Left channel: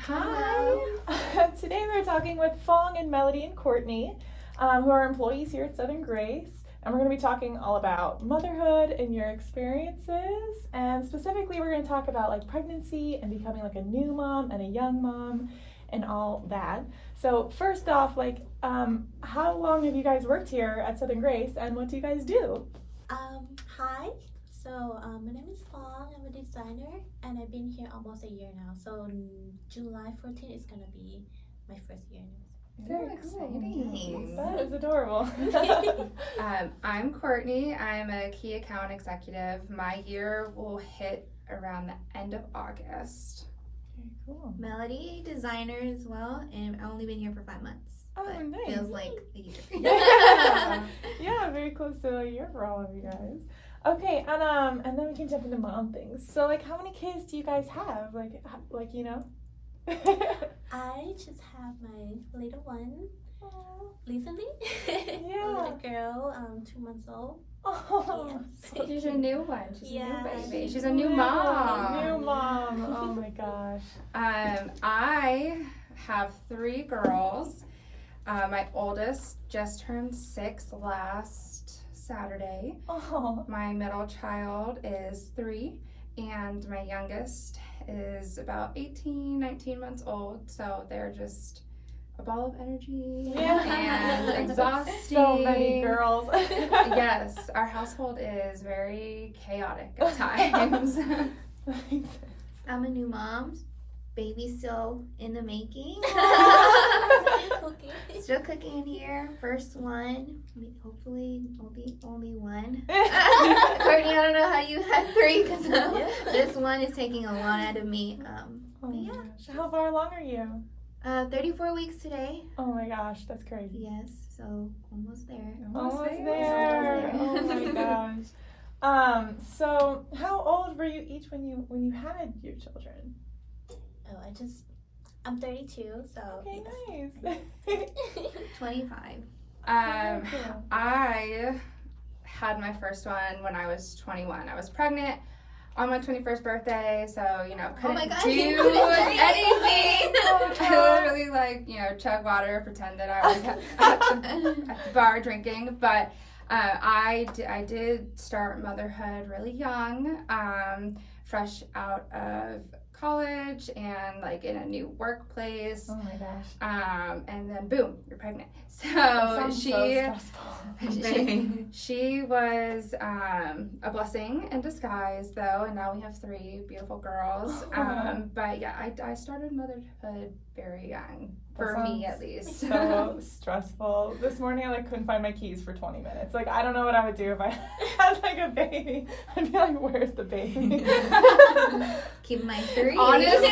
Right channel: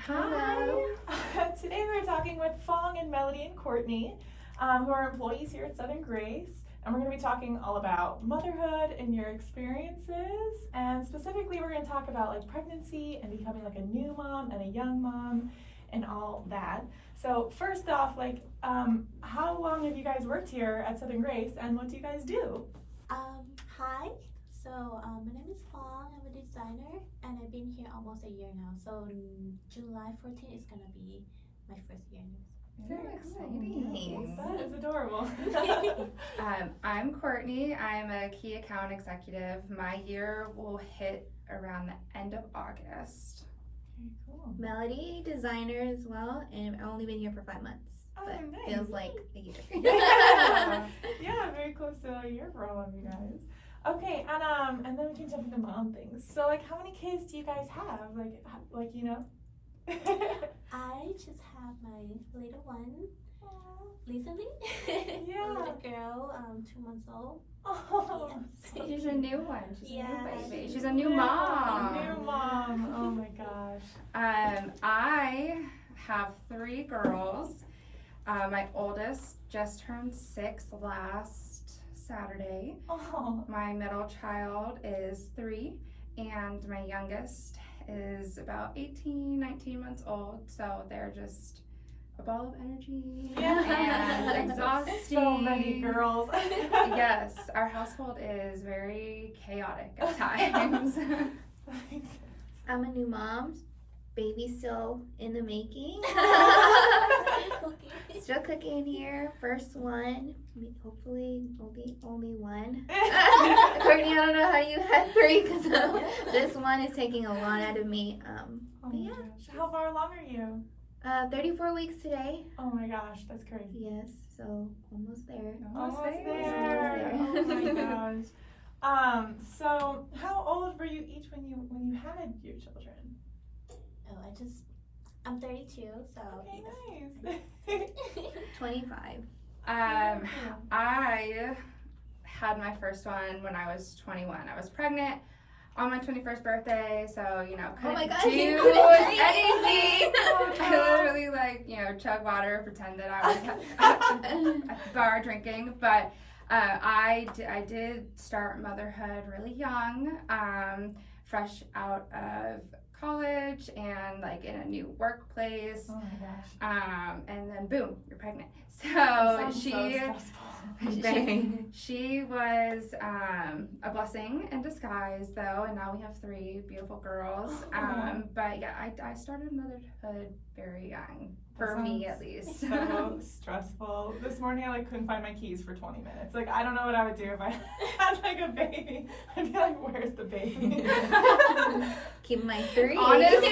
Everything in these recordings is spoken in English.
Hi. Today we're talking with Fong and Melody and Courtney, who are employees here at Southern Grace, and we're going to be talking all about motherhood and your experiences, and specifically we're going to talk about like pregnancy and becoming like a new mom and a young mom and all that. So first off, like, how long have you guys worked here at Southern Grace, and what do you guys do? Hi. So my name is Fong. I'm a designer, and I've been here almost a year now. So July 14th is gonna be my first year. Very exciting. That is adorable. I'm Courtney. I'm a key account executive. My year will hit around the end of August. Very cool. Melody, designer as well, and I've only been here for 5 months. Oh, But nice. feels like a year. Yeah, very close to a year for all of you guys. Okay, and then we can jump into mom things. So, like, how many kids do you guys have? Like you know. I just have my little one recently. Yeah. A little girl, 2 months old. Oh, Yes. She's a new one. She's a Yeah. new baby. She's a new mom. New mom. Oh my gosh. I have 3 girls. My oldest just turned 6 last Saturday. Oh. My middle child is 3, and my youngest is about 18, 19 months old. So they're just a ball of energy and exhausting. So many girls. Yes, our household is very chaotic at times. I'm a new mom. Baby's still in the making. Still cooking here. First one. Hopefully only one. Courtney, I don't know how you had 3 because this one is taking a lot out of me. Oh my gosh. How far along are you? 34 weeks today. Oh my gosh, that's crazy. Yes, so almost there. Almost there. there. Oh my gosh. So how old were you each when you had your children? Oh, I'm 32, so. Okay, nice. 25. I had my first one when I was 21. I was pregnant on my 21st birthday, so couldn't my God, do you couldn't drink. anything. I literally chug water, pretend that I was at the bar drinking. But I did start motherhood really young, fresh out of college and like in a new workplace. Oh my gosh. And then boom, you're pregnant. So she was a blessing in disguise though, and now we have 3 beautiful girls. But yeah, I started motherhood very young, for me at least. So stressful. This morning I couldn't find my keys for 20 minutes. Like, I don't know what I would do if I had like a baby. I'd be like, where's the baby? Keep my 3. Honestly,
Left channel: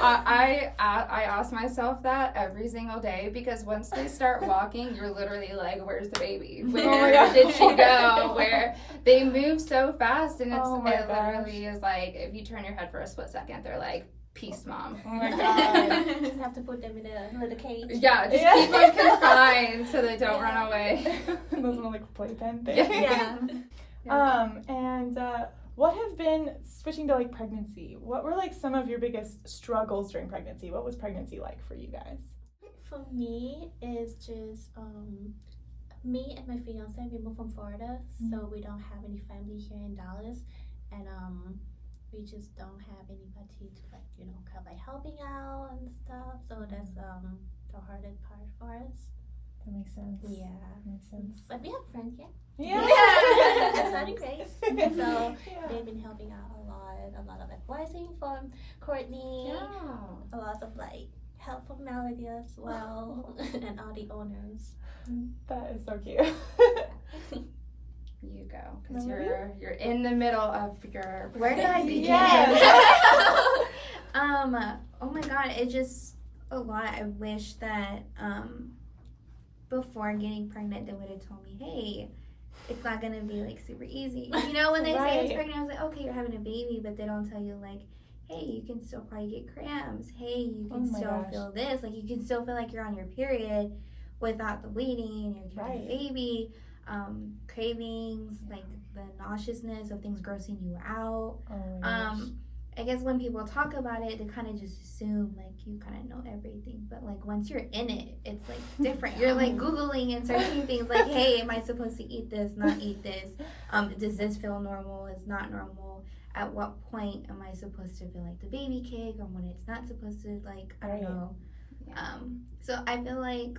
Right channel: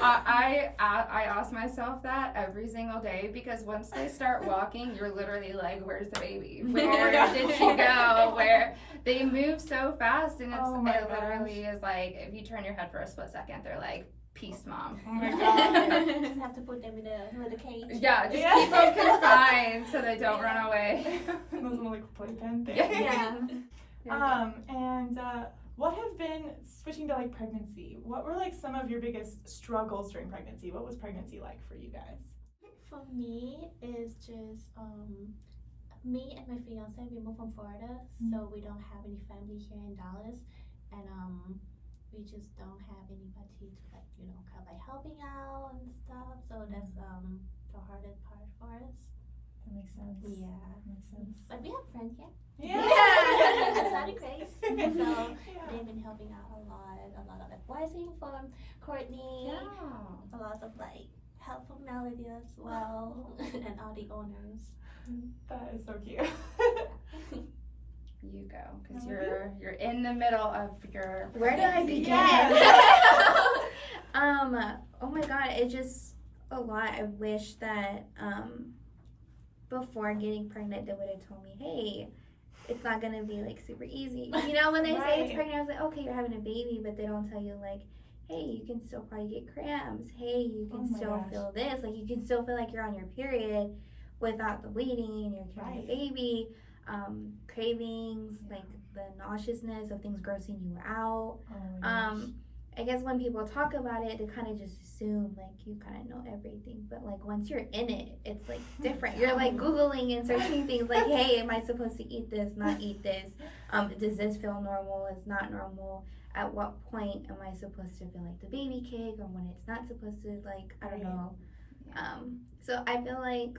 I ask myself that every single day, because once they start walking, you're literally like, where's the baby? Where did she go? Where they move so fast, and it literally is like, if you turn your head for a split second, they're like, peace, mom. Oh my god. Just have to put them in a little cage. Yeah, just keep them confined so they don't run away. Those little like playpen things. Yeah. And what have been, switching to like pregnancy, what were like some of your biggest struggles during pregnancy? What was pregnancy like for you guys? For me, it's just me and my fiance. We moved from Florida, so we don't have any family here in Dallas, and we just don't have anybody to like kind of like helping out and stuff. So that's the hardest part for us. That makes sense. Yeah, Makes sense. but we have friends here. Yeah. That's not Grace. So they've been helping out a lot of advising from Courtney. Yeah. A lot of like help from Melody as well, and all the owners. That is so cute. You go, because you're in the middle of your pregnancy. Where do I begin? Yeah. Oh my god, it's just a lot. I wish that before getting pregnant they would have told me, hey, it's not gonna be like super easy. When they say it's pregnant, I was like, okay, you're having a baby, but they don't tell you like, hey, you can still probably get cramps. Hey, you can still feel this. Like, you can still feel like you're on your period without the bleeding, and you're carrying a baby. Cravings, like the nauseousness of things grossing you out. I guess when people talk about it, they kind of just assume like you kind of know everything. But like once you're in it, it's like different. You're like Googling and searching things like, hey, am I supposed to eat this, not eat this? Does this feel normal? It's not normal. At what point am I supposed to feel like the baby kick, or when it's not supposed to, like, I don't know. So I feel like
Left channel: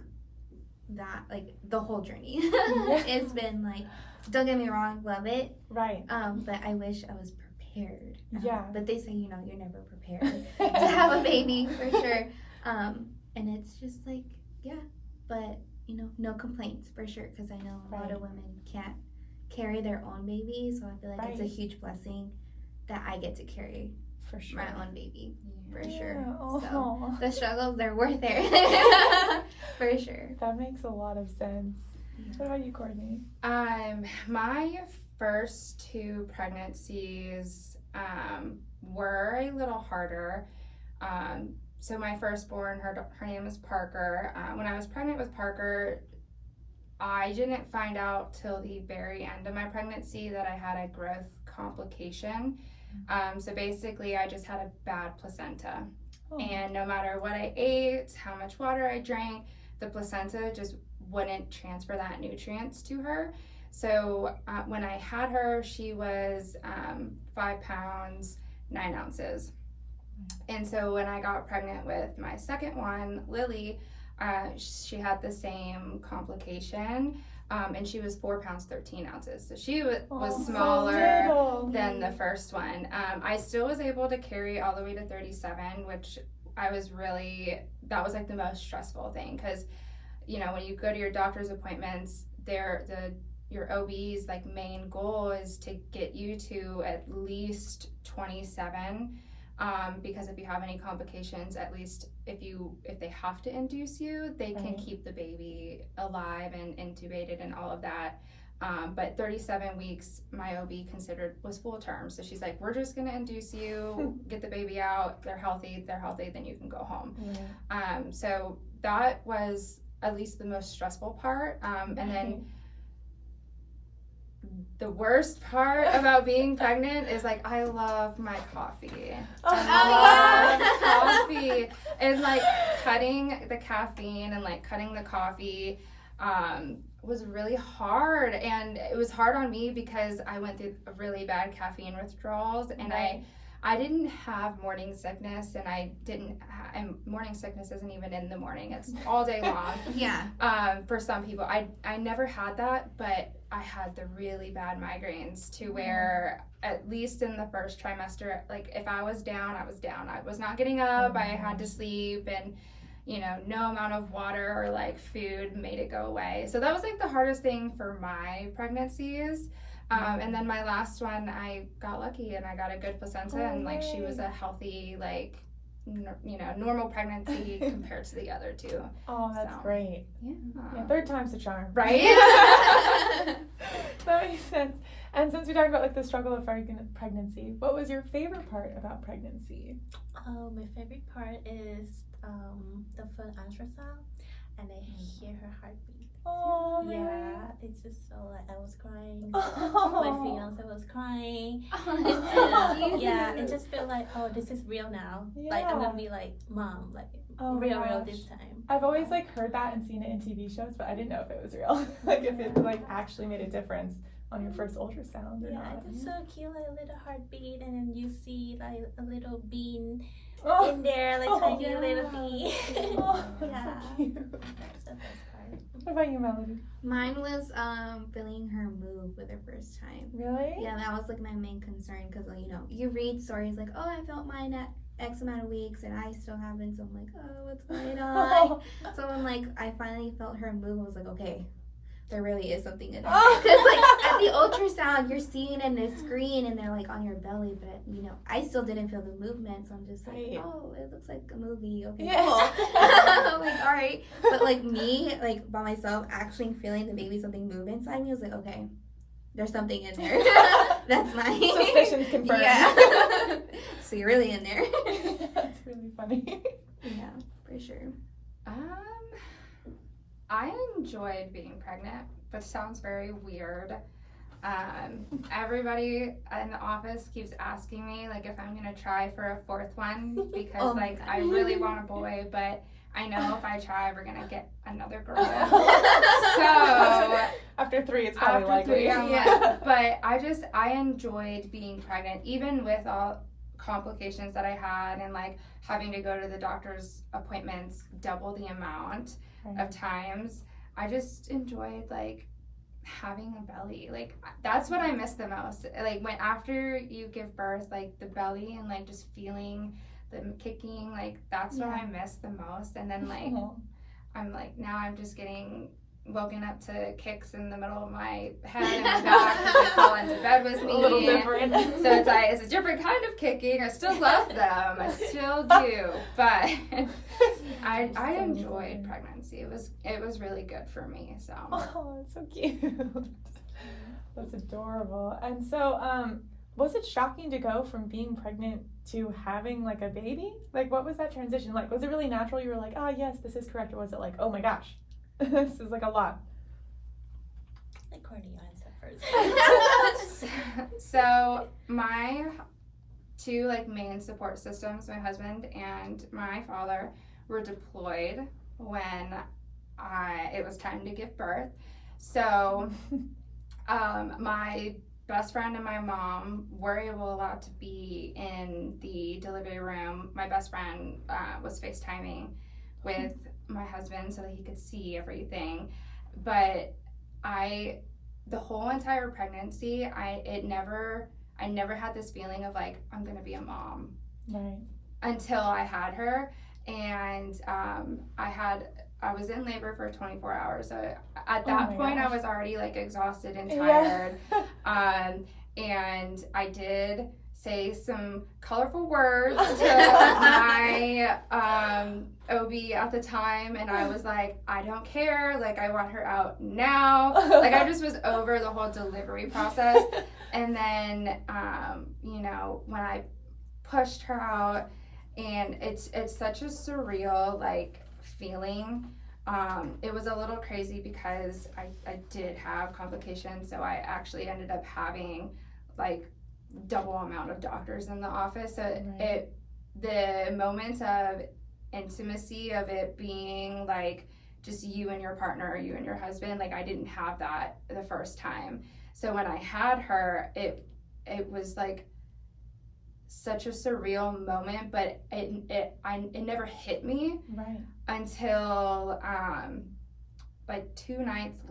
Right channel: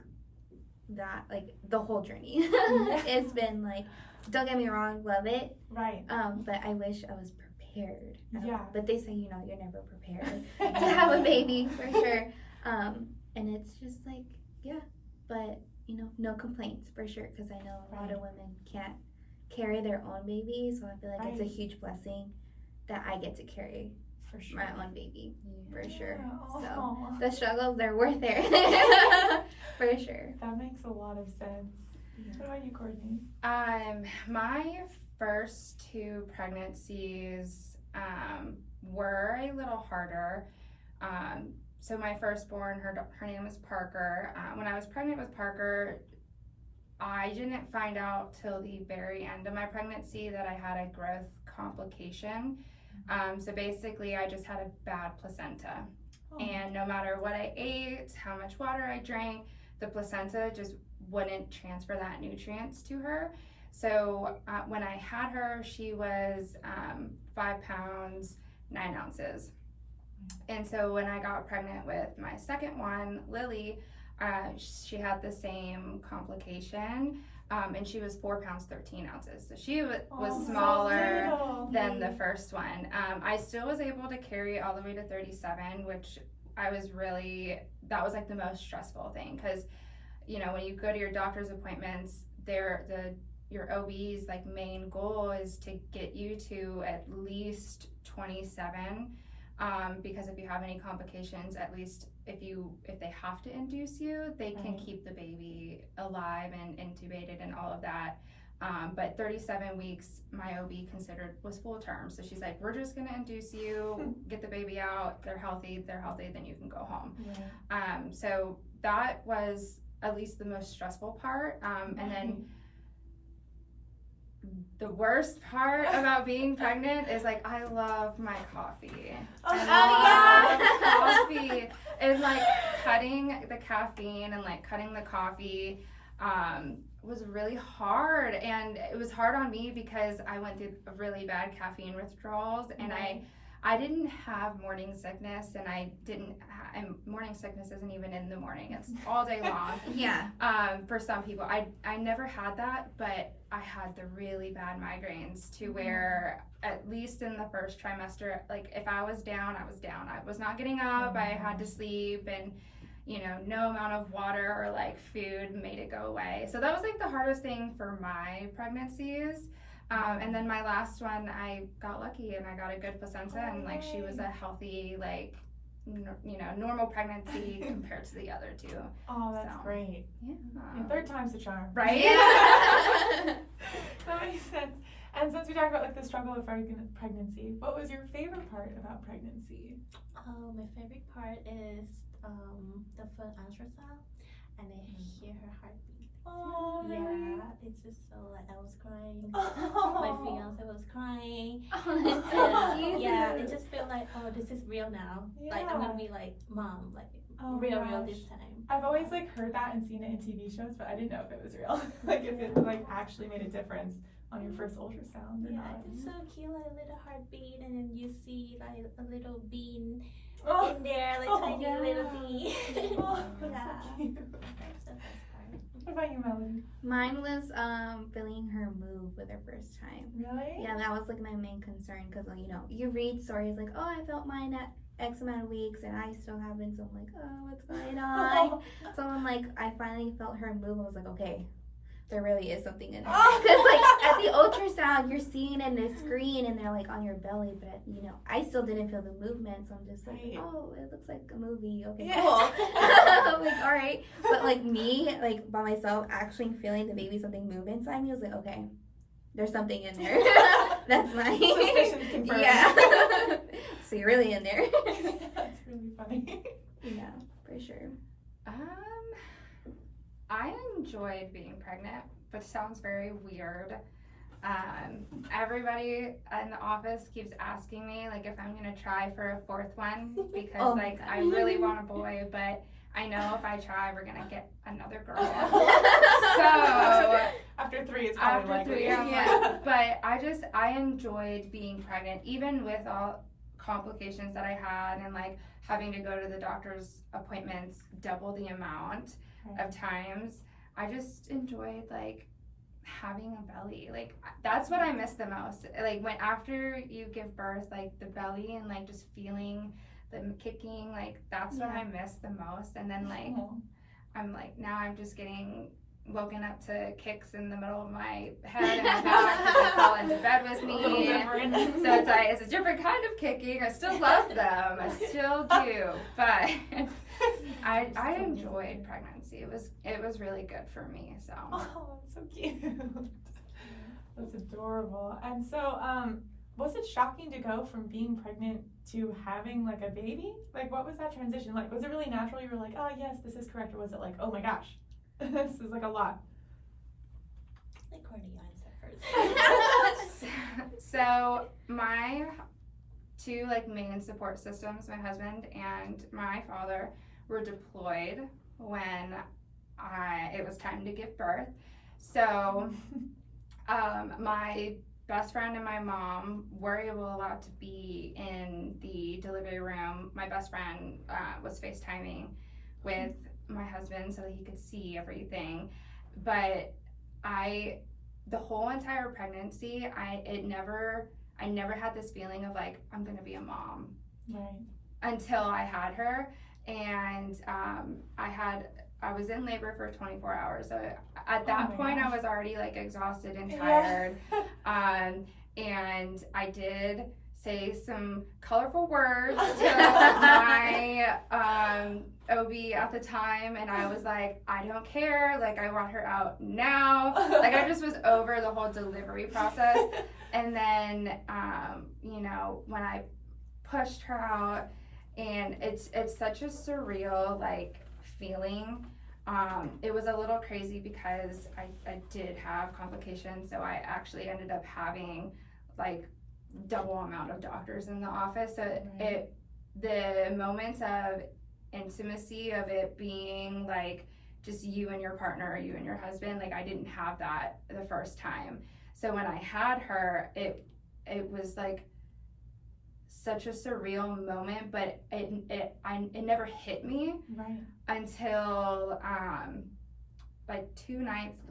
that, like, the whole journey it's been like, don't get me wrong, love it. Right. But I wish I was prepared. Yeah. But they say, you know, you're never prepared to have a baby, for sure. And it's just like, yeah. But, you know, no complaints, for sure, because I know a lot of women can't carry their own baby. So I feel like it's a huge blessing that I get to carry for sure my own baby, for sure. Oh. So the struggles, they're worth it. For sure. That makes a lot of sense. What about you, Courtney? My first 2 pregnancies were a little harder. So my firstborn, her name is Parker. When I was pregnant with Parker, I didn't find out till the very end of my pregnancy that I had a growth complication. So basically I just had a bad placenta. And no matter what I ate, how much water I drank, the placenta just wouldn't transfer that nutrients to her. So when I had her, she was 5 pounds 9 ounces. And so when I got pregnant with my second one, Lily, she had the same complication, and she was 4 pounds 13 ounces. So she was smaller than the first one. I still was able to carry all the way to 37, which that was like the most stressful thing, because you know, when you go to your doctor's appointments, your OB's like main goal is to get you to at least 27, because if you have any complications, at least if they have to induce you, they can keep the baby alive and intubated and all of that. But 37 weeks, my OB considered was full term. So she's like, we're just gonna induce you, get the baby out, they're healthy, then you can go home. So that was at least the most stressful part. And then the worst part about being pregnant is like, I love my coffee. I love coffee. And like cutting the caffeine and like cutting the coffee was really hard. And it was hard on me because I went through really bad caffeine withdrawals, and I didn't have morning sickness, and morning sickness isn't even in the morning, it's all day long. For some people, I never had that, but I had the really bad migraines to where, at least in the first trimester, like if I was down, I was down. I was not getting up, I had to sleep, and you know, no amount of water or like food made it go away. So that was like the hardest thing for my pregnancies. And then my last one, I got lucky and I got a good placenta, and like she was a healthy, like, you know, normal pregnancy compared to the other 2. Oh, that's great. Yeah. Third time's a charm. Right? That makes sense. And since we talked about like the struggle of pregnancy, what was your favorite part about pregnancy? Oh, my favorite part is the first ultrasound, and I hear her heartbeat. Oh, yeah, it's just so like I was crying. My fiance was crying. Yeah, it just felt like, oh, this is real now. Like I'm gonna be like mom, like real this time. I've always like heard that and seen it in TV shows, but I didn't know if it was real. Like if it like actually made a difference on your first ultrasound. Yeah, it's so cute, like a little heartbeat, and then you see like a little bean in there, like tiny little bean. Yeah. So cute. That's the best part. What about you, Melody? Mine was feeling her move with her first time. Really? Yeah, that was like my main concern, because you know, you read stories like, oh, I felt mine at X amount of weeks and I still haven't, so I'm like, oh, what's going on? So when like I finally felt her move, I was like, okay, there really is something in there. Because like at the ultrasound, you're seeing in the screen and they're like on your belly, but you know, I still didn't feel the movement, so I'm just like, oh, it looks like a movie. Okay, cool. I'm like, all right. But like me, like by myself, actually feeling the baby something move inside me, I was like, okay, there's something in there. That's my suspicions confirmed. Yeah. So you're really in there. That's really funny. Yeah, for sure. I enjoyed being pregnant, which sounds very weird. Everybody in the office keeps asking me like if I'm gonna try for a fourth one because Oh my like God. I really want a boy, but I know if I try, we're gonna get another girl. So After 3, it's probably after likely. 3, I'm Yeah. like, but I enjoyed being pregnant, even with all complications that I had and like having to go to the doctor's appointments double the amount of times. I just enjoyed like having a belly. Like that's what I miss the most. Like when after you give birth, like the belly and like just feeling the kicking, like that's what I miss the most. And then like I'm like now I'm just getting woken up to kicks in the middle of my head and my back because they crawl into bed with A little me. different. So it's like it's a different kind of kicking. I still love them. I still do. But I enjoyed pregnancy. It was really good for me. So Oh, that's so cute. That's adorable. And so, was it shocking to go from being pregnant to having like a baby? Like, what was that transition like? Was it really natural? You were like, oh yes, this is correct, or was it like, oh my gosh, this is like a lot? Let Courtney answer first. So my two like main support systems, my husband and my father, were deployed when it was time to give birth. So my best friend and my mom were allowed to be in the delivery room. My best friend was FaceTiming with my husband so that he could see everything. But the whole entire pregnancy, I never had this feeling of like I'm gonna be a mom. Right. Until I had her, and I was in labor for 24 hours. So at that point, I was already like exhausted and tired. And I did say some colorful words to my OB at the time, and I was like, I don't care. Like I want her out now. Like I just was over the whole delivery process. And then when I pushed her out, and it's such a surreal like feeling. It was a little crazy because I did have complications, so I actually ended up having like double amount of doctors in the office. So the moment of intimacy of it being like just you and your partner, or you and your husband, like I didn't have that the first time. So when I had her, it was like such a surreal moment, but it never hit me until like 2 nights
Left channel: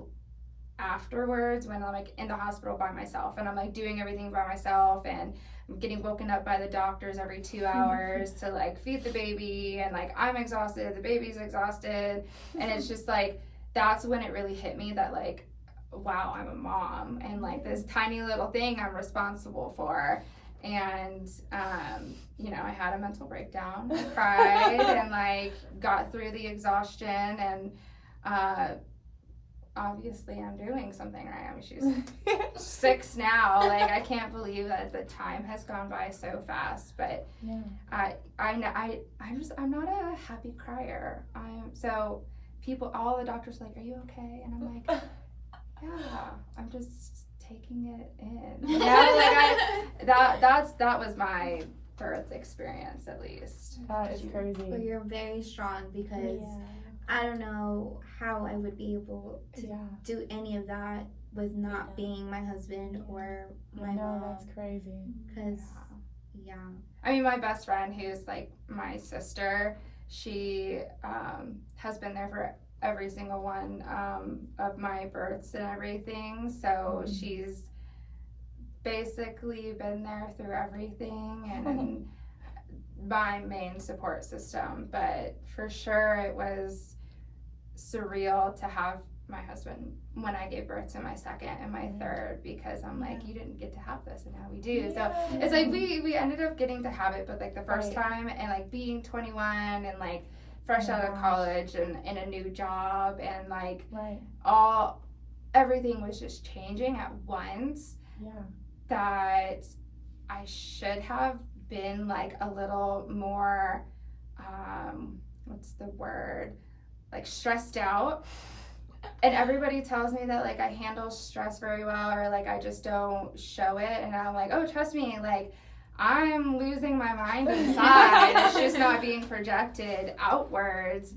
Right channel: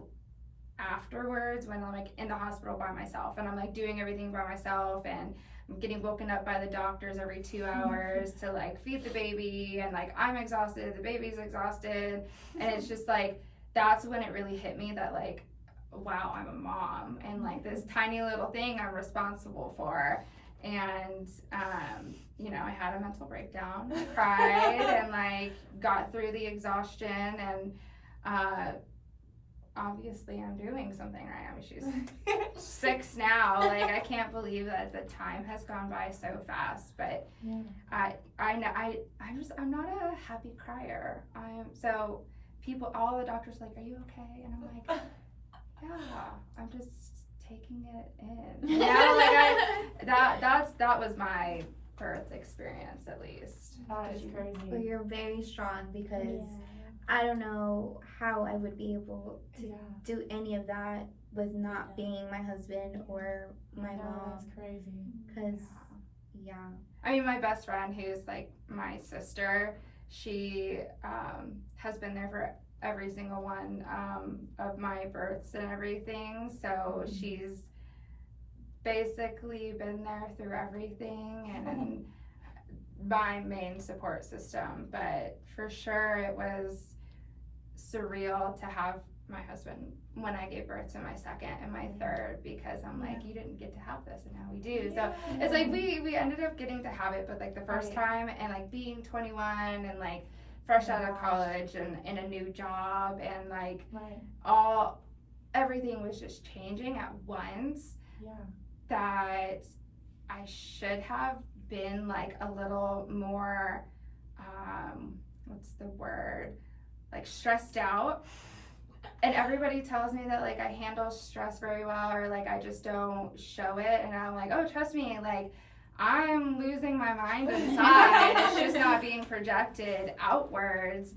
afterwards, when I'm like in the hospital by myself and I'm like doing everything by myself, and I'm getting woken up by the doctors every 2 hours to like feed the baby, and like I'm exhausted, the baby's exhausted, and it's just like that's when it really hit me that like wow, I'm a mom, and like this tiny little thing I'm responsible for. And I had a mental breakdown. I cried and like got through the exhaustion, and obviously I'm doing something right. I mean, she's 6 now. Like I can't believe that the time has gone by so fast. But I'm not a happy crier. All the doctors are like, are you okay? And I'm like, yeah, I'm just taking it in. That was my birth experience, at least. That is crazy. Well, you're very strong, because I don't know how I would be able to do any of that with not being my husband or my mom. That's crazy. Because I mean, my best friend, who's like my sister, she has been there for every single one of my births and everything. So she's basically been there through everything, and my main support system. But for sure it was surreal to have my husband when I gave birth to my second and my third, because I'm like, you didn't get to have this and now we do. So it's like we ended up getting to have it, but like the first time, and like being 21 and like fresh out of college and in a new job, and like everything was just changing at once, that I should have been like a little more what's the word, like stressed out and everybody tells me that like I handle stress very well, or like I just don't show it, and I'm like, oh, trust me, like I'm losing my mind inside. It's just not being projected outwards.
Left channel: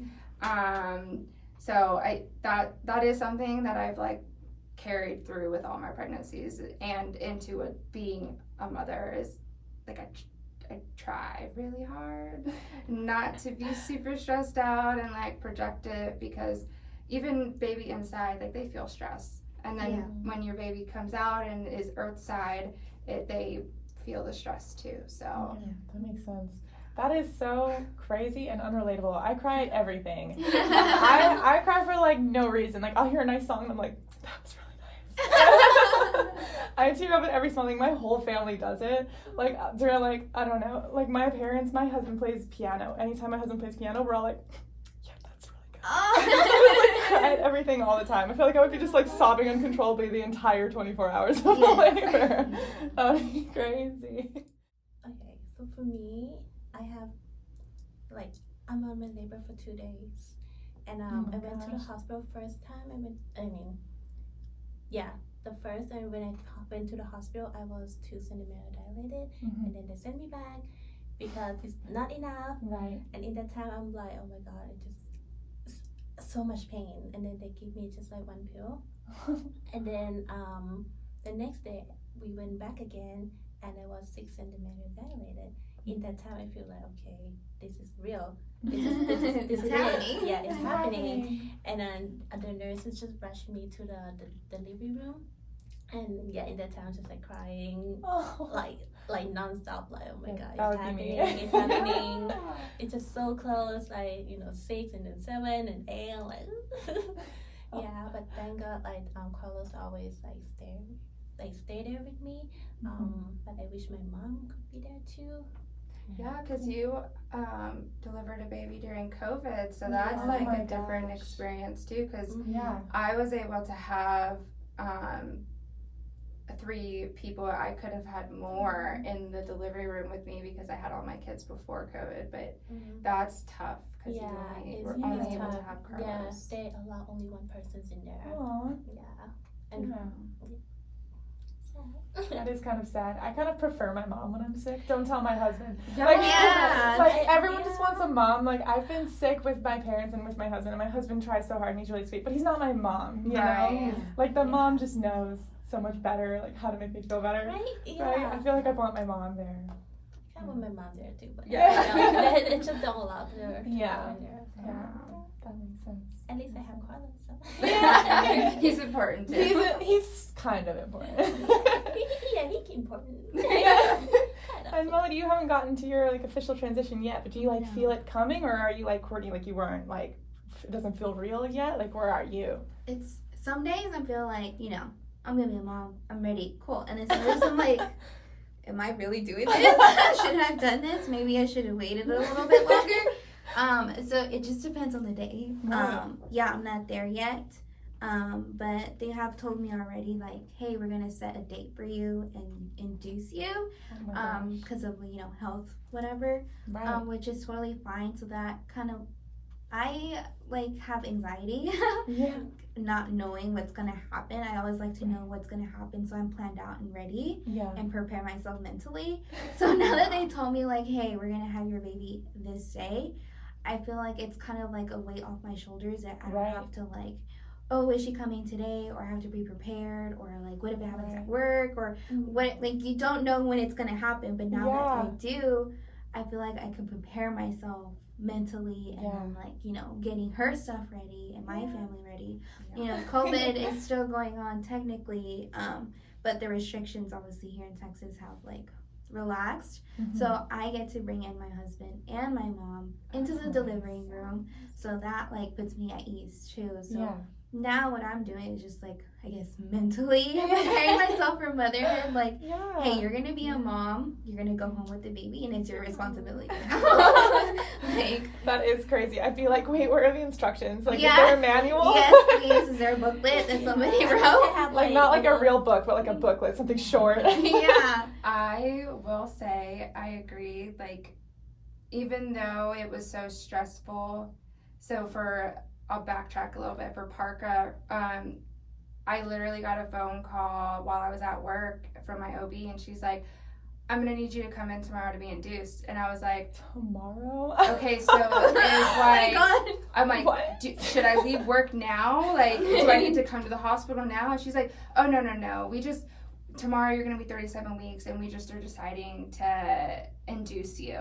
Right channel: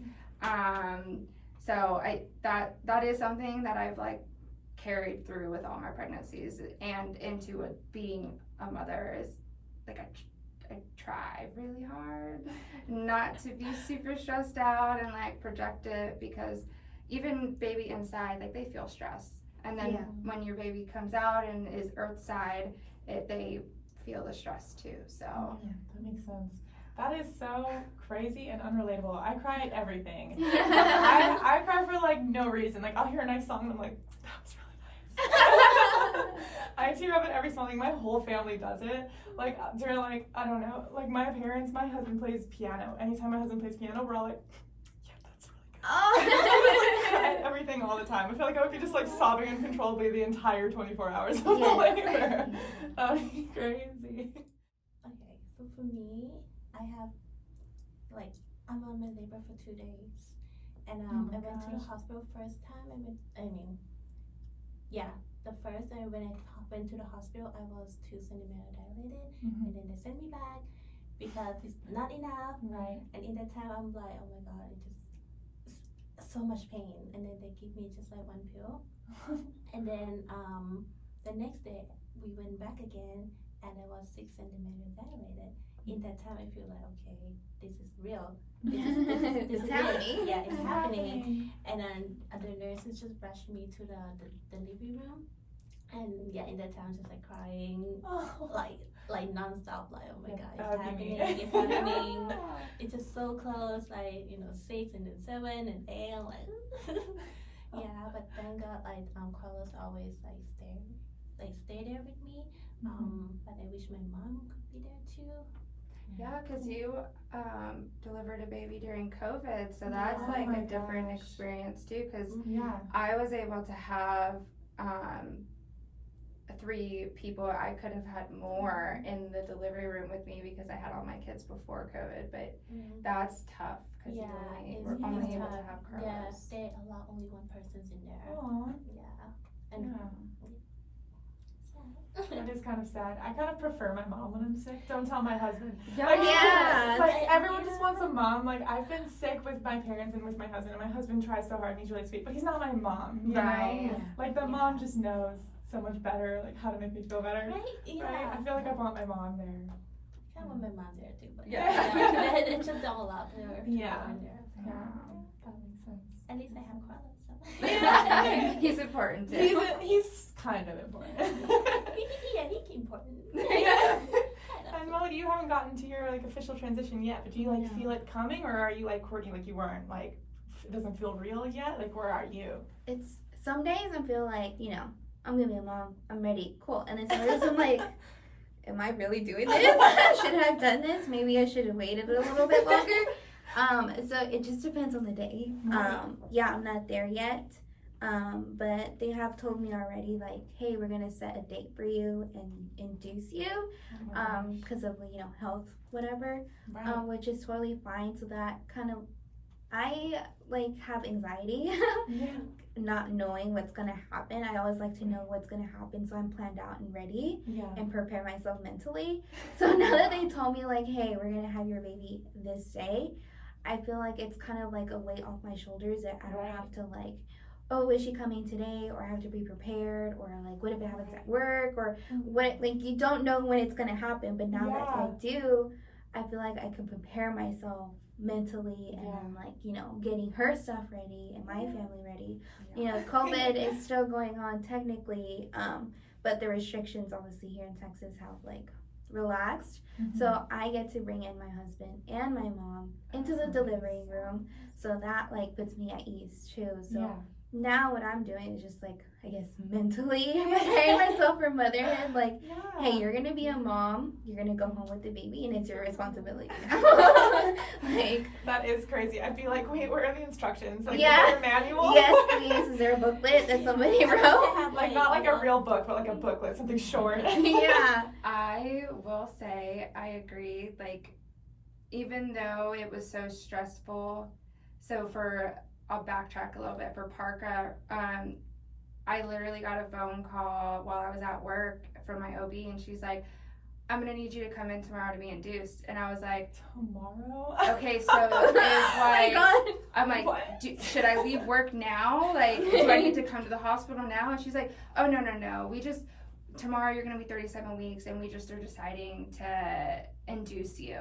So that is something that I've like carried through with all my pregnancies and into being a mother is like I try really hard not to be super stressed out and like project it, because even baby inside, like they feel stress, and then when your baby comes out and is earthside, they feel the stress too. So yeah, that makes sense. That is so crazy and unrelatable. I cry at everything. I cry for like no reason. Like I'll hear a nice song and I'm like, that was really nice. I tear up at every small thing. My whole family does it. Like during like, I don't know, like my parents, my husband plays piano. Anytime my husband plays piano, we're all like, yeah, that's really good. I cry at everything all the time. I feel like I would be just like sobbing uncontrollably the entire 24 hours of labor. That would be crazy. Okay, so for me, I have, like, I'm on my labor for 2 days, and I went to the hospital first time. The first, and when I went to the hospital, I was 2 centimeters dilated, and then they sent me back because it's not enough. Right. And in that time, I'm like, oh my god, it just so much pain, and then they give me just like 1 pill, and then the next day we went back again, and I was 6 centimeters dilated. In that time, I feel like, okay, this is real. This is happening. Yeah, it's happening. And then the nurses just rushed me to the delivery room. And yeah, in that time, I was just like crying, like nonstop, like, oh my god, it's happening, it's happening. It's just so close, like, 6 and then 7 and 8, I'm like, yeah, but thank God, like, Carlos always, like, stay there with me. But I wish my mom could be there too. yeah, because you delivered a baby during COVID, so that's like a different experience too, because I was able to have 3 people. I could have had more in the delivery room with me because I had all my kids before COVID, but that's tough because you were only able to have Carlos. Yeah, they allow only 1 person's in there. Aww. Yeah. And that is kind of sad. I kind of prefer my mom when I'm sick. Don't tell my husband. Yeah. Like everyone just wants a mom. Like I've been sick with my parents and with my husband, and my husband tries so hard and he's really sweet, but he's not my mom. You know? Like the mom just knows so much better, like how to make me feel better. Right? Yeah. Right? I feel like I want my mom there. I want my mom there too, but it just don't allow her to go in there. So. That makes sense. At least I have Carlos. So. Yeah. He's important too. He's kind of important. He's important. And Melody, you haven't gotten to your like official transition yet, but do you like feel it coming, or are you like Courtney, like you weren't like it doesn't feel real yet? Like where are you? It's some days I feel like, I'm gonna be a mom, I'm ready, cool. And then some days I'm like, am I really doing this? Should I have done this? Maybe I should have waited a little bit longer. So it just depends on the day. I'm not there yet. But they have told me already, like, hey, we're gonna set a date for you and induce you, because of health, whatever, which is totally fine. So that kind of, I like have anxiety, not knowing what's gonna happen. I always like to know what's gonna happen, so I'm planned out and ready and prepare myself mentally. So now that they told me like, hey, we're gonna have your baby this day, I feel like it's kind of like a weight off my shoulders that I don't have to like, oh, is she coming today, or I have to be prepared, or like what if it happens at work, or what, like you don't know when it's gonna happen, but now that I do, I feel like I can prepare myself mentally, and then like getting her stuff ready and my family ready. COVID is still going on technically, but the restrictions obviously here in Texas have like relaxed, so I get to bring in my husband and my mom into the delivery room, so that like puts me at ease too. So now what I'm doing is just like, I guess, mentally preparing myself for motherhood. Like, hey, you're gonna be a mom, you're gonna go home with the baby, and it's your responsibility now. Like, that is crazy. I'd be like, wait, where are the instructions? Like, is there a manual? Yes, please. Is there a booklet that somebody wrote? Like, not like a real book, but like a booklet, something short. I will say, I agree. Like, even though it was so stressful, so for I'll backtrack a little bit for Parker. I literally got a phone call while I was at work from my OB, and she's like, I'm gonna need you to come in tomorrow to be induced. And I was like, Tomorrow? okay, so it's like, I'm like, should I leave work now? Like, do I need to come to the hospital now? And she's like, oh, no. Tomorrow you're gonna be 37 weeks, and we just are deciding to induce you.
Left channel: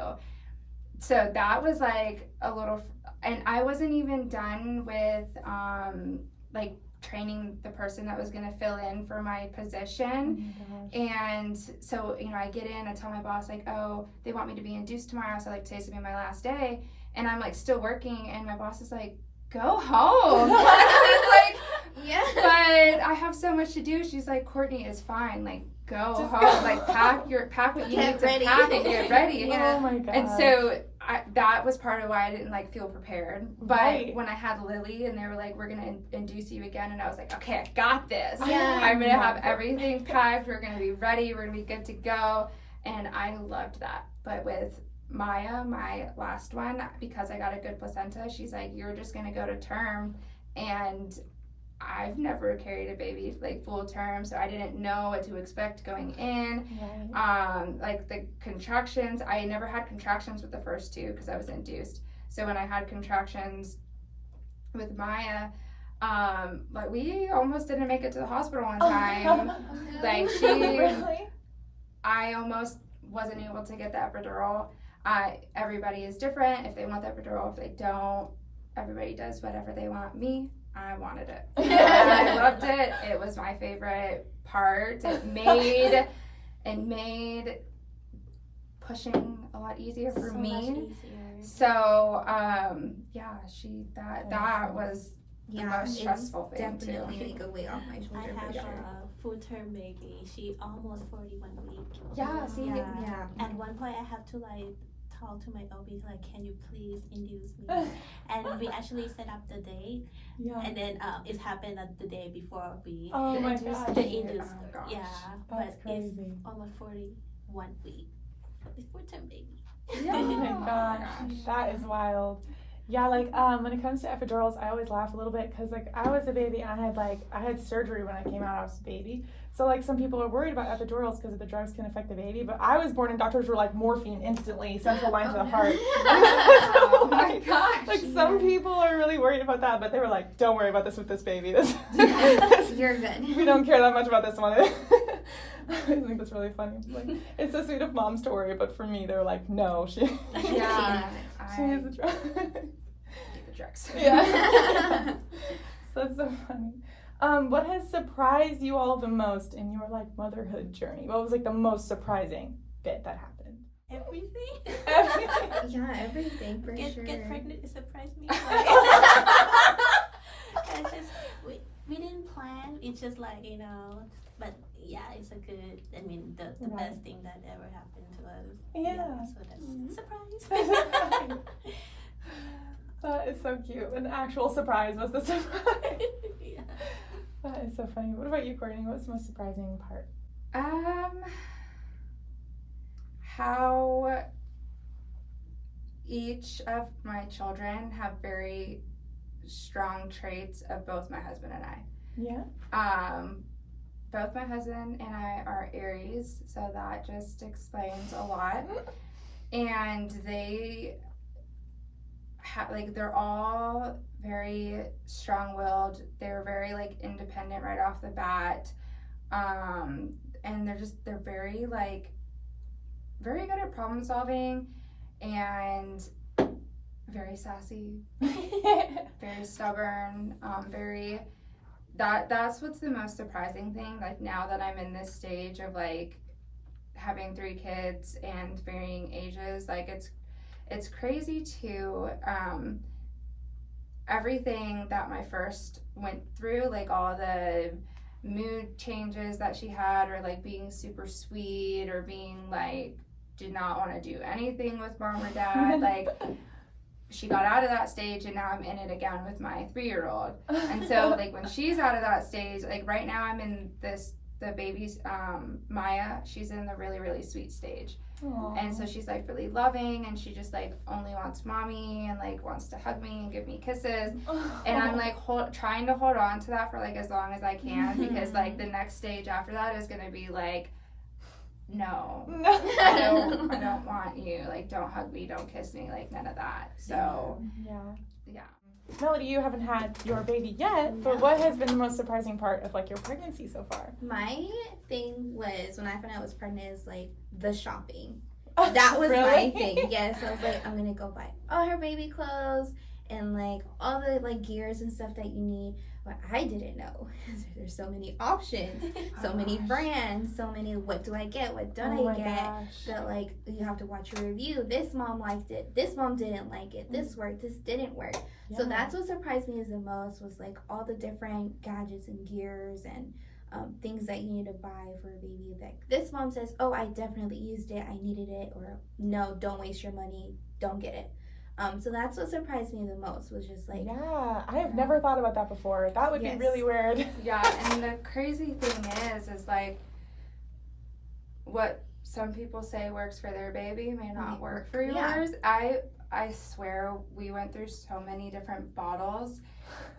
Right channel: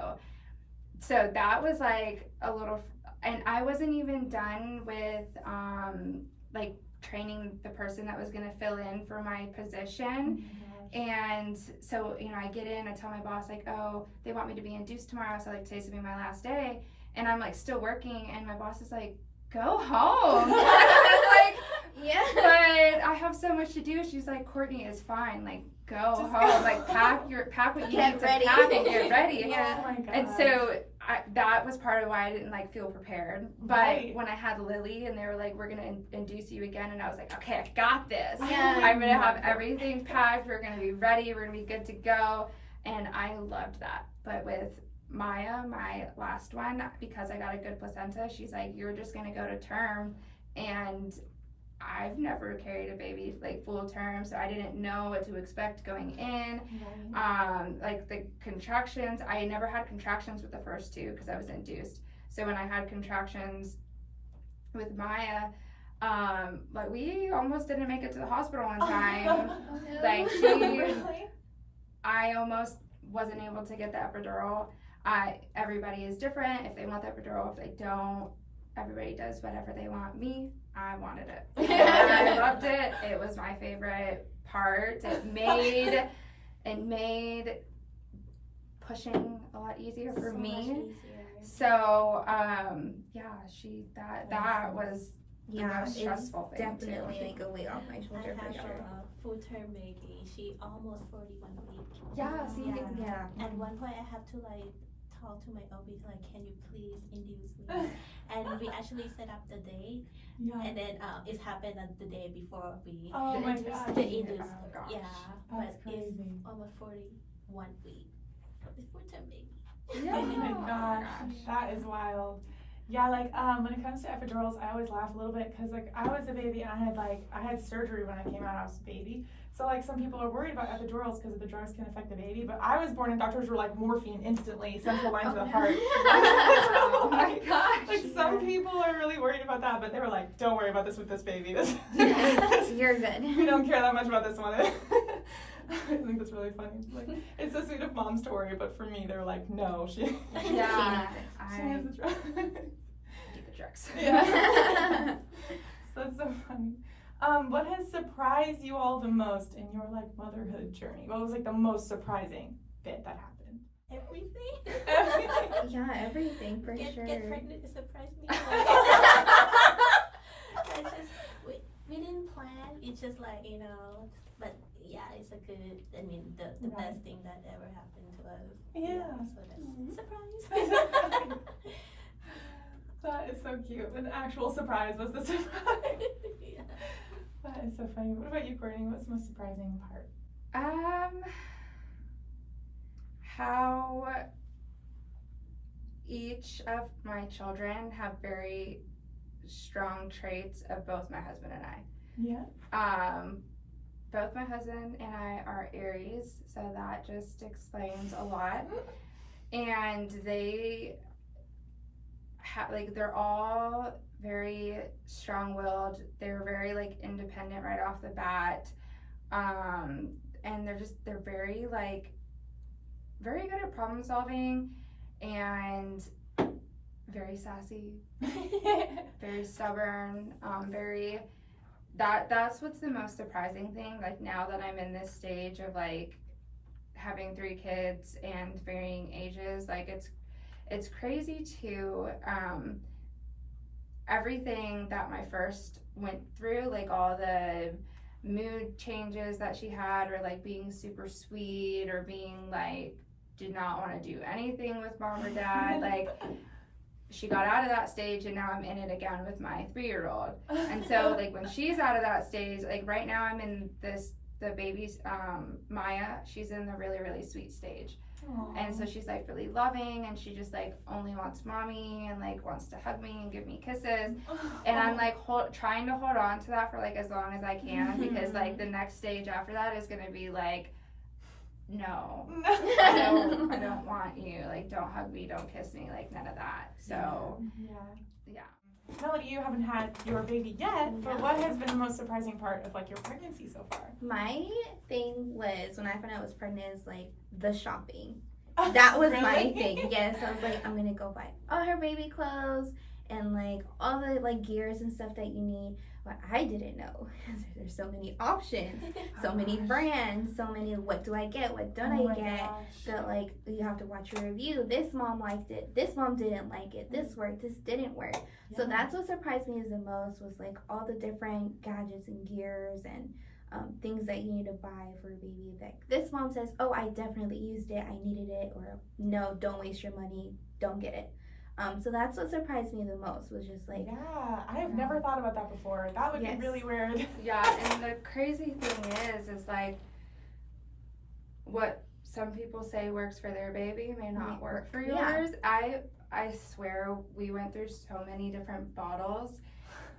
So that was like a little, and I wasn't even done with, like, training the person that was going to fill in for my position. And so, you know, I get in, I tell my boss, like, oh, they want me to be induced tomorrow, so like today's gonna be my last day, and I'm like still working, and my boss is like, go home. I was like, yeah, but I have so much to do. She's like, Courtney, is fine, like, go Just home, go. like pack what you Get need to ready. pack and get ready. Yeah. Oh my god. And so that was part of why I didn't like feel prepared. But Right. when I had Lily and they were like, we're gonna induce you again, and I was like, okay, I got this. Yeah. I'm gonna have everything packed. We're gonna be ready. We're gonna be good to go. And I loved that. But with Maya, my last one, because I got a good placenta, she's like, you're just gonna go to term. And I've never carried a baby like full term, so I didn't know what to expect going in. Right. Like the contractions, I never had contractions with the first two because I was induced. So when I had contractions with Maya, like we almost didn't make it to the hospital on time. Like Really? I almost wasn't able to get the epidural. Everybody is different. If they want the epidural, if they don't, everybody does whatever they want. Me, I wanted it. I loved it. It was my favorite part. It made pushing a lot easier for So me. much easier. So that was the yeah, most it's stressful thing definitely too. like a weight off my shoulder I for have sure. a full-term baby. She almost 41 weeks. Yeah, see, Yeah. At one point, I have to like talk to my OB like, can you please induce me? And we actually set up the day, Yeah. and then it happened the day before we Oh my induced gosh. the induced. Oh gosh. Yeah, That's but crazy. it's almost 41 weeks for this full-term baby. Yeah. Oh my Oh my gosh, that is wild. Yeah, like when it comes to epidurals, I always laugh a little bit because like I was a baby and I had surgery when I came out. I was a baby, so like some people are worried about epidurals because the drugs can affect the baby. But I was born and doctors were like morphine instantly, central line to the heart. Oh my gosh. Like some people are really worried about that, but they were like, "Don't worry about this with this baby. This You're good. we don't care that much about this one." I think that's really funny. Like, it's so sweet of moms to worry, but for me, they were like, "No, she Yeah, she I needs the drug." need the drugs. Yeah. So that's so funny. What has surprised you all the most in your like motherhood journey? What was like the most surprising bit that happened? Everything. Everything. Yeah, everything for sure. Get pregnant, it surprised me. It's just, we didn't plan. It's just like, you know, but yeah, it's a good, I mean, the Right. best thing that ever happened to us. Yeah. So that's surprise. That is so cute. An actual surprise was the surprise. Yeah. That is so funny. What about you, Courtney? What's the most surprising part? How each of my children have very strong traits of both my husband and I. Yeah. Both my husband and I are Aries, so that just explains a lot. And they they're all very strong-willed. They're very like independent right off the bat, and they're very like very good at problem solving and very sassy, very stubborn, that's what's the most surprising thing, like now that I'm in this stage of like having 3 kids and varying ages, like it's crazy to everything that my first went through, like all the mood changes that she had, or like being super sweet, or being like did not want to do anything with mom or dad, like she got out of that stage, and now I'm in it again with my 3-year-old. And so like when she's out of that stage, like right now I'm in this the baby's Maya, she's in the really, really sweet stage. Aww. And so she's like really loving, and she just like only wants mommy and like wants to hug me and give me kisses. And I'm like trying to hold on to that for like as long as I can, because like the next stage after that is gonna be like, no, I don't want you, like don't hug me, don't kiss me, like none of that. So yeah. Melody, you haven't had your baby yet, but what has been the most surprising part of like your pregnancy so far? My thing was, when I found out I was pregnant, is like the shopping. That was my Really? thing. Yes, I was like, I'm gonna go buy all her baby clothes and like all the like gears and stuff that you need. What I didn't know is there's so many options, so many brands, so many. What do I get? What don't Oh I my get? gosh. That like you have to watch your review. This mom liked it. This mom didn't like it. This worked. This didn't work. So that's what surprised me the most, was like all the different gadgets and gears and things that you need to buy for a baby. That this mom says, oh, I definitely used it, I needed it, or no, don't waste your money, don't get it. So that's what surprised me the most, was just like, yeah, I have never thought about that before. That would Yes. be really weird. Yeah, and the crazy thing is like what some people say works for their baby may not work for Yeah. yours. I swear we went through so many different bottles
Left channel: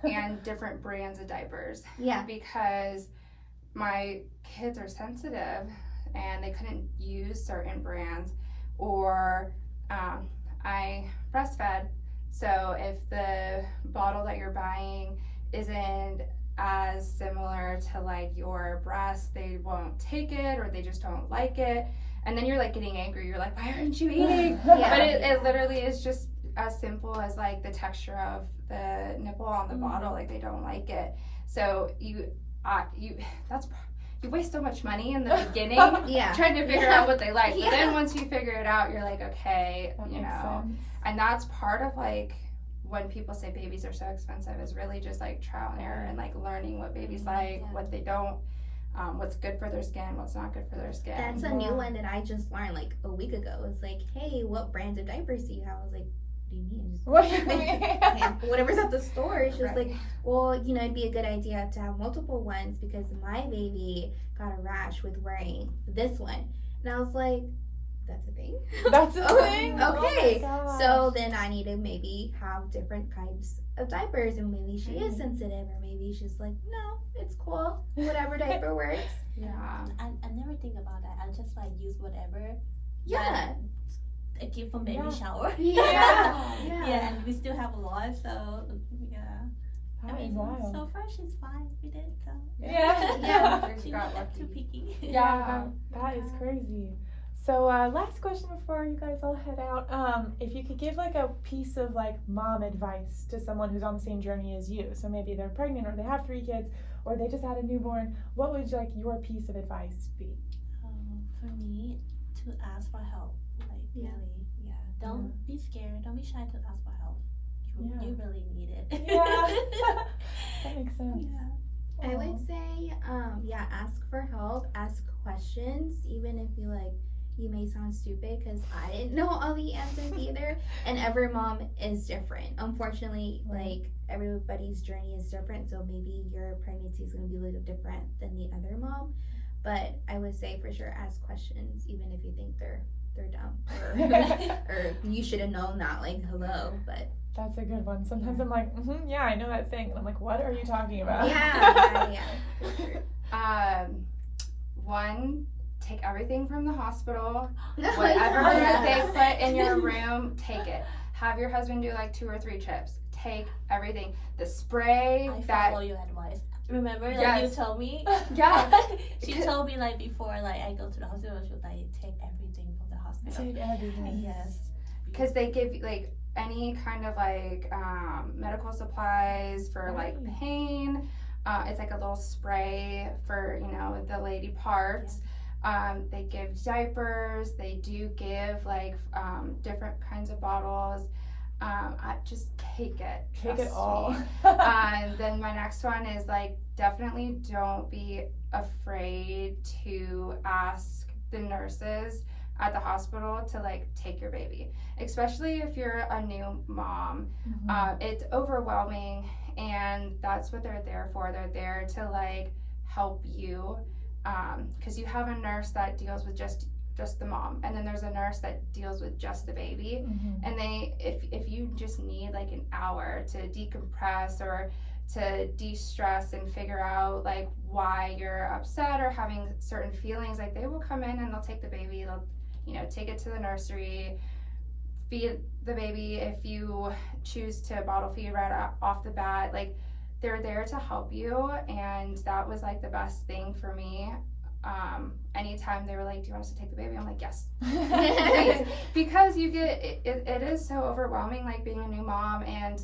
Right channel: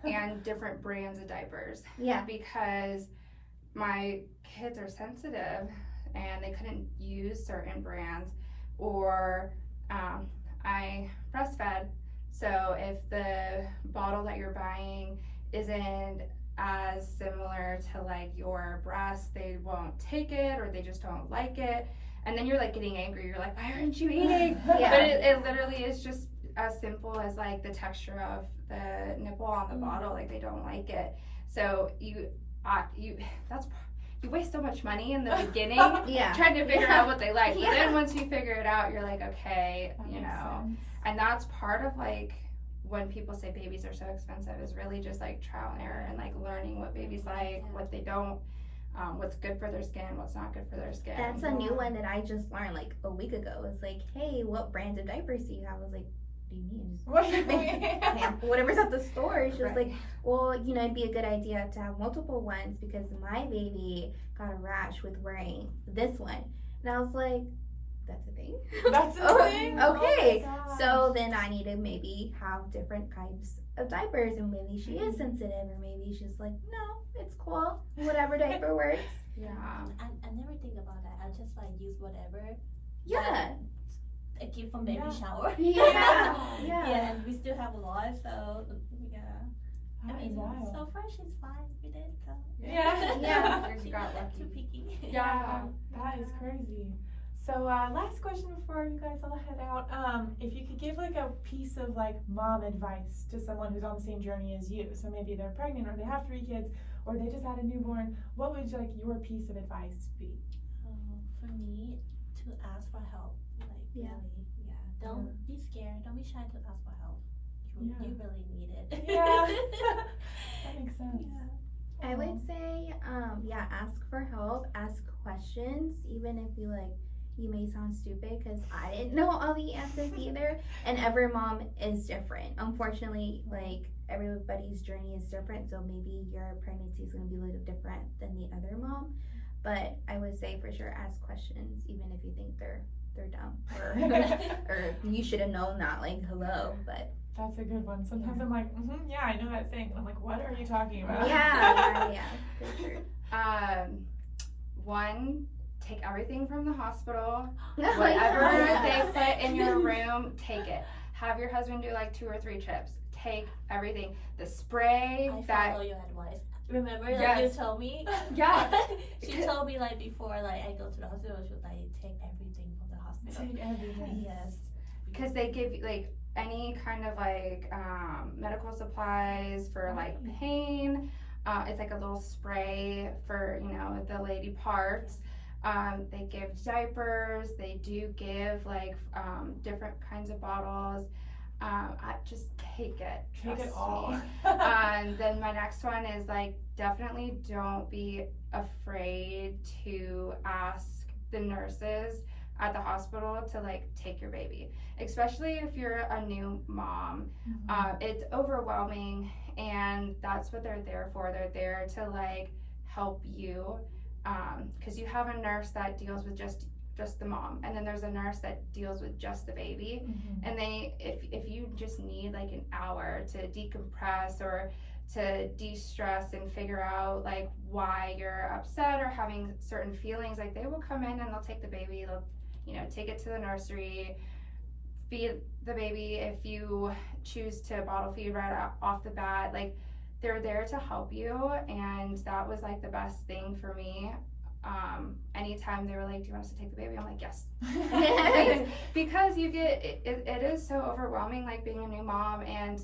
and different brands of diapers, yeah, because my kids are sensitive and they couldn't use certain brands, or I breastfed, so if the bottle that you're buying isn't as similar to like your breast, they won't take it, or they just don't like it, and then you're like getting angry, you're like, why aren't you eating? Yeah. But it literally is just as simple as like the texture of the nipple on the bottle, like they don't like it. So you waste so much money in the beginning yeah, trying to figure Yeah. out what they like. But Yeah. then once you figure it out, you're like, okay, That you makes know. sense. And that's part of like when people say babies are so expensive, is really just like trial and error and like learning what babies like, what they don't, what's good for their skin, what's not good for their skin. That's a new one that I just learned like a week ago. It's like, hey, what brands of diapers do you have? I was like, what do you mean? Just What do you mean? whatever's at the store. She was Right. like, well, you know, it'd be a good idea to have multiple ones, because my baby got a rash with wearing this one. And I was like, that's a thing? That's a Oh, thing? Okay. Oh my So gosh. then I need to maybe have different types of diapers, and maybe she is sensitive, or maybe she's like, no, it's cool. Whatever diaper works. Yeah. I never think about that. I just like use whatever Yeah. I give from baby Yeah. shower. Yeah. Yeah, and we still have a lot, so yeah. I That is mean, wild. so far she's fine with it. So. Yeah. Yeah. She's Got not lucky. too picky. Yeah. That is crazy. So last question before you guys all head out. If you could give like a piece of like mom advice to someone who's on the same journey as you, so maybe they're pregnant, or they have 3 kids, or they just had a newborn, what would like your piece of advice be? For me, to ask for help. Like, Yeah. really, yeah. Don't be scared. Don't be shy to ask for help. You really need it. Yeah. That makes sense. Yeah. I would say, ask for help, ask questions, even if you may sound stupid, because I didn't know all the answers either, and every mom is different. Unfortunately, like, everybody's journey is different, so maybe your pregnancy is going to be a little different than the other mom, but I would say for sure ask questions, even if you think they're dumb, or you should have known that, like, hello, but That's a good one. Sometimes I'm like, yeah, I know that thing. And I'm like, what are you talking about? yeah, for sure. One, take everything from the hospital. Yeah. Whatever they put in your room, take it. Have your husband do like 2 or 3 trips. Take everything. The spray I that follow your advice. Remember, like Yes. you told me. Yeah. She told me like before, like I go to the hospital, she was like, take everything from the hospital. Take everything. Yes. because they give you like any kind of like medical supplies for like Right. pain. It's like a little spray for, you know, the lady parts. They give diapers. They do give like different kinds of bottles. I just take it. Take it trust all. me. Then my next one is like, definitely don't be afraid to ask the nurses at the hospital to like take your baby, especially if you're a new mom. It's overwhelming, and that's what they're there for. They're there to like help you because you have a nurse that deals with just the mom, and then there's a nurse that deals with just the baby. And if you just need like an hour to decompress or to de-stress and figure out like why you're upset or having certain feelings, like they will come in and they'll take the baby, they'll take it to the nursery, feed the baby if you choose to bottle feed right off the bat. Like they're there to help you, and that was like the best thing for me. Anytime they were like, do you want us to take the baby? I'm like, yes. Because you get, it is so overwhelming, like being a new mom, and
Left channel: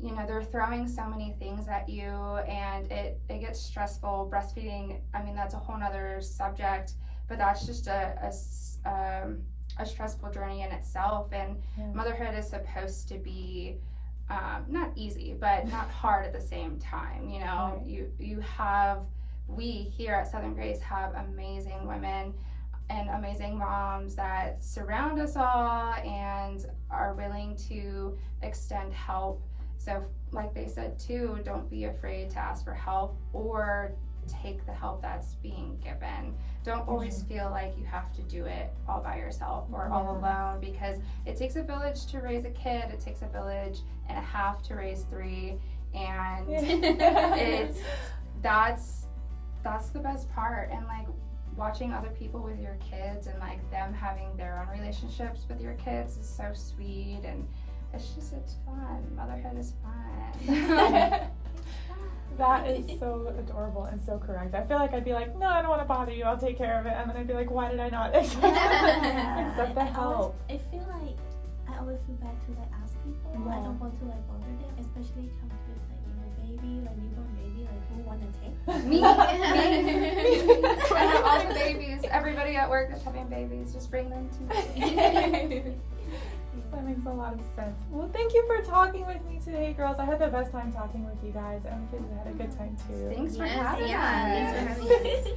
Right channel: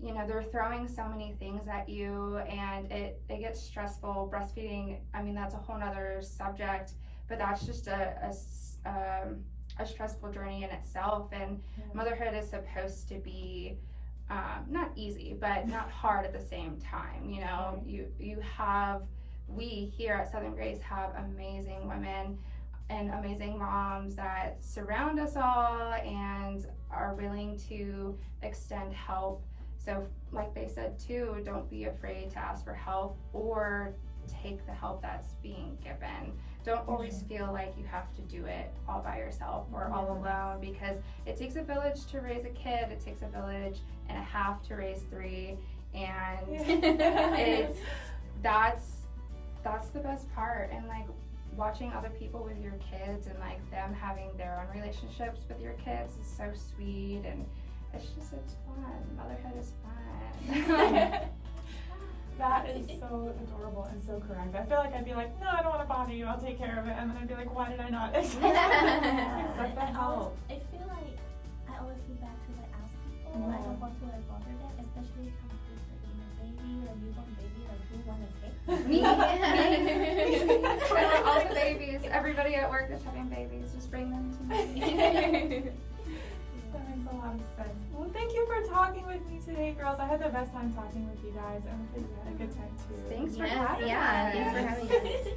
they're throwing so many things at you, and it gets stressful. Breastfeeding, I mean, that's a whole nother subject, but that's just a stressful journey in itself. And motherhood is supposed to be not easy, but not hard at the same time. We here at Southern Grace have amazing women and amazing moms that surround us all and are willing to extend help. So like they said too, don't be afraid to ask for help or take the help that's being given. Don't always feel like you have to do it all by yourself or all alone, because it takes a village to raise a kid. It takes a village and a half to raise 3, and that's the best part. And like watching other people with your kids and like them having their own relationships with your kids is so sweet, and it's fun. Motherhood is fun. That is so adorable and so correct. I feel like I'd be like, no, I don't want to bother you, I'll take care of it. And then I'd be like, why did I not accept the help? I feel like I always feel bad to like ask people. I don't want to like bother them, especially comes with like baby, like newborn baby, like who want to take me. I have all the babies. Everybody at work that's having babies, just bring them to me. That makes a lot of sense. Well, thank you for talking with me today, girls. I had the best time talking with you guys, and I think you had a good time too. Thanks for having us. Thanks for having us.